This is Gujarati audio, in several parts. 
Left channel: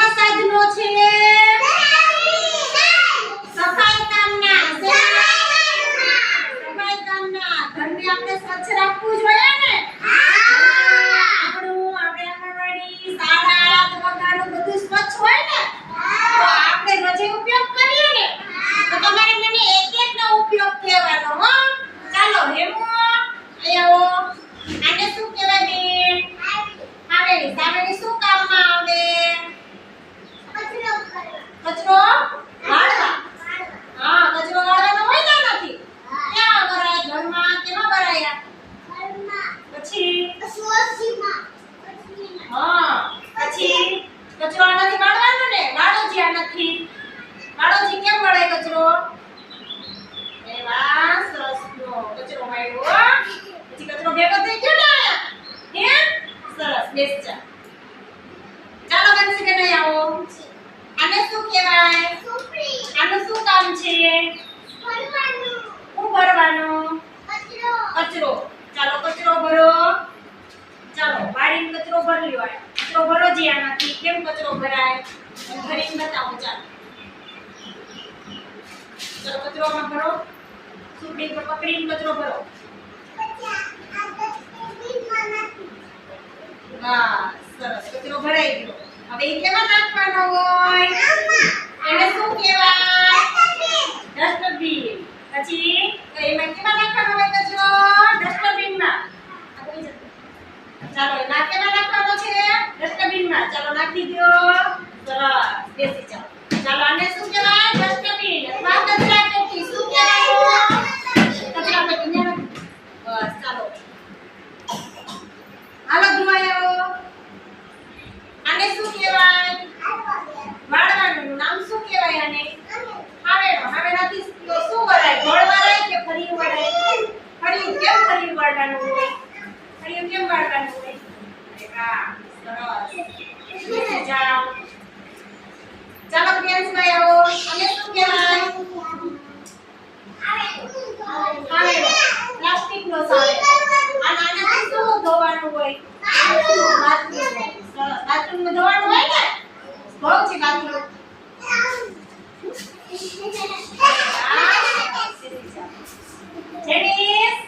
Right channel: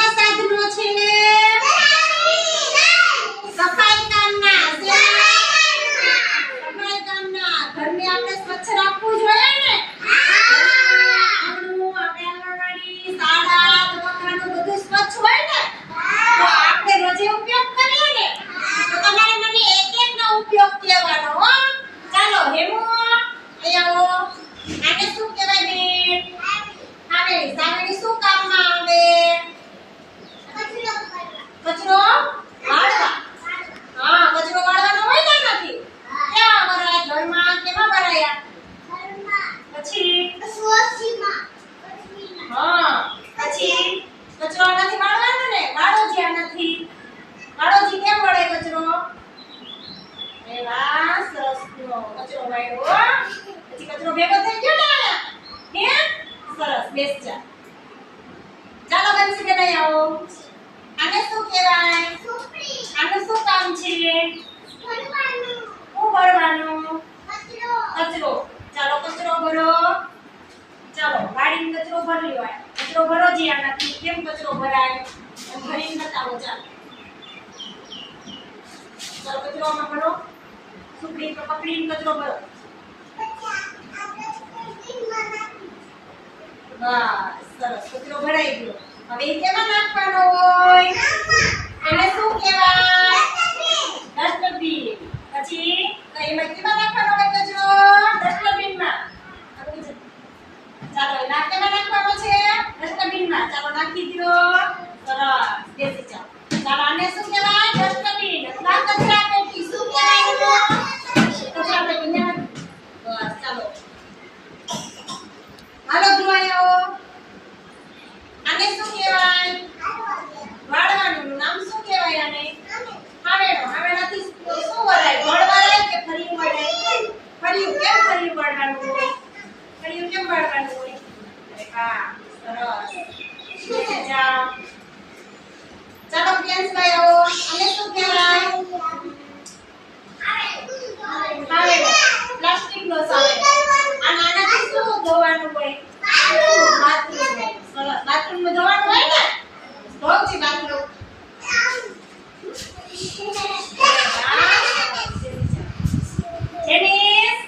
શેના સાધનો છે? સફાઈ કામના. સફાઈ કામના. ઘરને આપણે સ્વચ્છ રાખવું જોઈએ ને? આપણું આપણે આંગણવાડી, શાળા, દવાખાનું બધું સ્વચ્છ હોય ને? તો આપણે રોજે ઉપયોગ કરીએ ને? તો તમારે મને એક એકનો ઉપયોગ કહેવાનો હો. ચાલો હેમુ આવો. આને શું કહેવાય બેન? સાવેણી. સાવેણી શું કામમાં આવે? કચરો વાળવા. હા, કચરો વાળવાનો હોય ને નથી. ક્યાં ભરાય? ઘરમાં કેમાં ભરાયા? પછી હા, પછી કચરો આનાથી વાળવાનો ને? વાળો જ્યાં નથી. વાળોજી કેમ વળે કચરો? એ વાહ, સરસ નો કચરો વાળ્યો. પછી કચરો ભેગો થઈ ગયો ને? હે? સરસ, બેસ જા. ચાલો બંસી બેન આવો. આને શું કહેવાય? આનું શું કામ છે? શું ભરવાનું? કચરો. ચાલો કચરો ભરો. ચાલો વાડીનો કચરો ભરી લ્યો. કચરો ભરો જી આનાથી. કેમ કચરો ભરાય? ભરીને બતાવો. ચાલો ચાલો કચરો આમાં ભરો. સુપડી પર પકડીને કચરો ભરો. બસ સરસ, કચરો ભરાઈ ગયો. હવે એ કેમાં નાખવાનો હોય? એને શું કહેવાય? ડસ્ટબિન. પછી એમાં કેમાં નાખવાનો હોય કચરો? ડસ્ટબિનમાં. ચાલો એ ના કેમાં નાખવાનો છે? ડસ્ટબિનમાં. ચાલો નાખી દો. સરસ, બેસી જાઓ. ચાલો આને શું કહેવાય? ડસ્ટબિન અથવા કચરા પેટી. શું કહેવાય? કચરા પેટી. બસ ચાલો હાલો ધોવાઈ આવો. આને શું કહેવાય? વાળવાનું નામ શું કહેવાય આને? હાવેણો. હાવેણાથી શું વળાય? ગોળ વળાય કે ફરિયું વળાય? ફરિયું. કેમ ફરિયું વાળવાનું હોય? ફરિયું કેમ વાળવાનું હોય? અરે વાહ, સરસ. બેસી જાઓ. ચાલો પ્રિયાંશભાઈ આવો. આને શું કહેવાય? હાવેણો. પ્લાસ્ટિકનો સાવેણો. અને આનાથી શું ધોવાનું હોય? બાથરૂમ. સરસ. બાથરૂમમાં ધોવાનું હોય ને? ધોવ છે બાથરૂમ. જેનિસ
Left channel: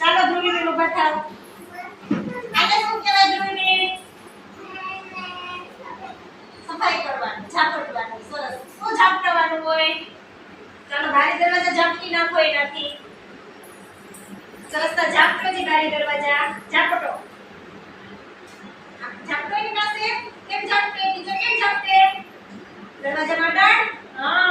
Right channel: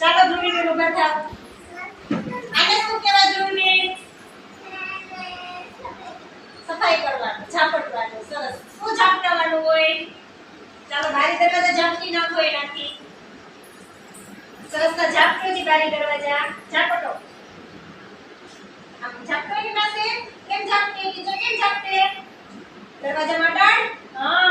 ચાલો ધોઈને ઉભા થાવ. આને શું કહેવાય? ધોઈને સફાઈ કરવાનું, ઝાપટવાનું. સરસ. શું ઝાપટવાનું હોય? ચાલો બારી દરવાજા ઝાપટી નાખો એનાથી. સરસ. ઝાપટો જી બારી દરવાજા. ઝાપટો. ઝાપટો એની પાસે. કેમ ઝાપટે? બીજો કેમ ઝાપટે? દરવાજામાં ડાળ. હા,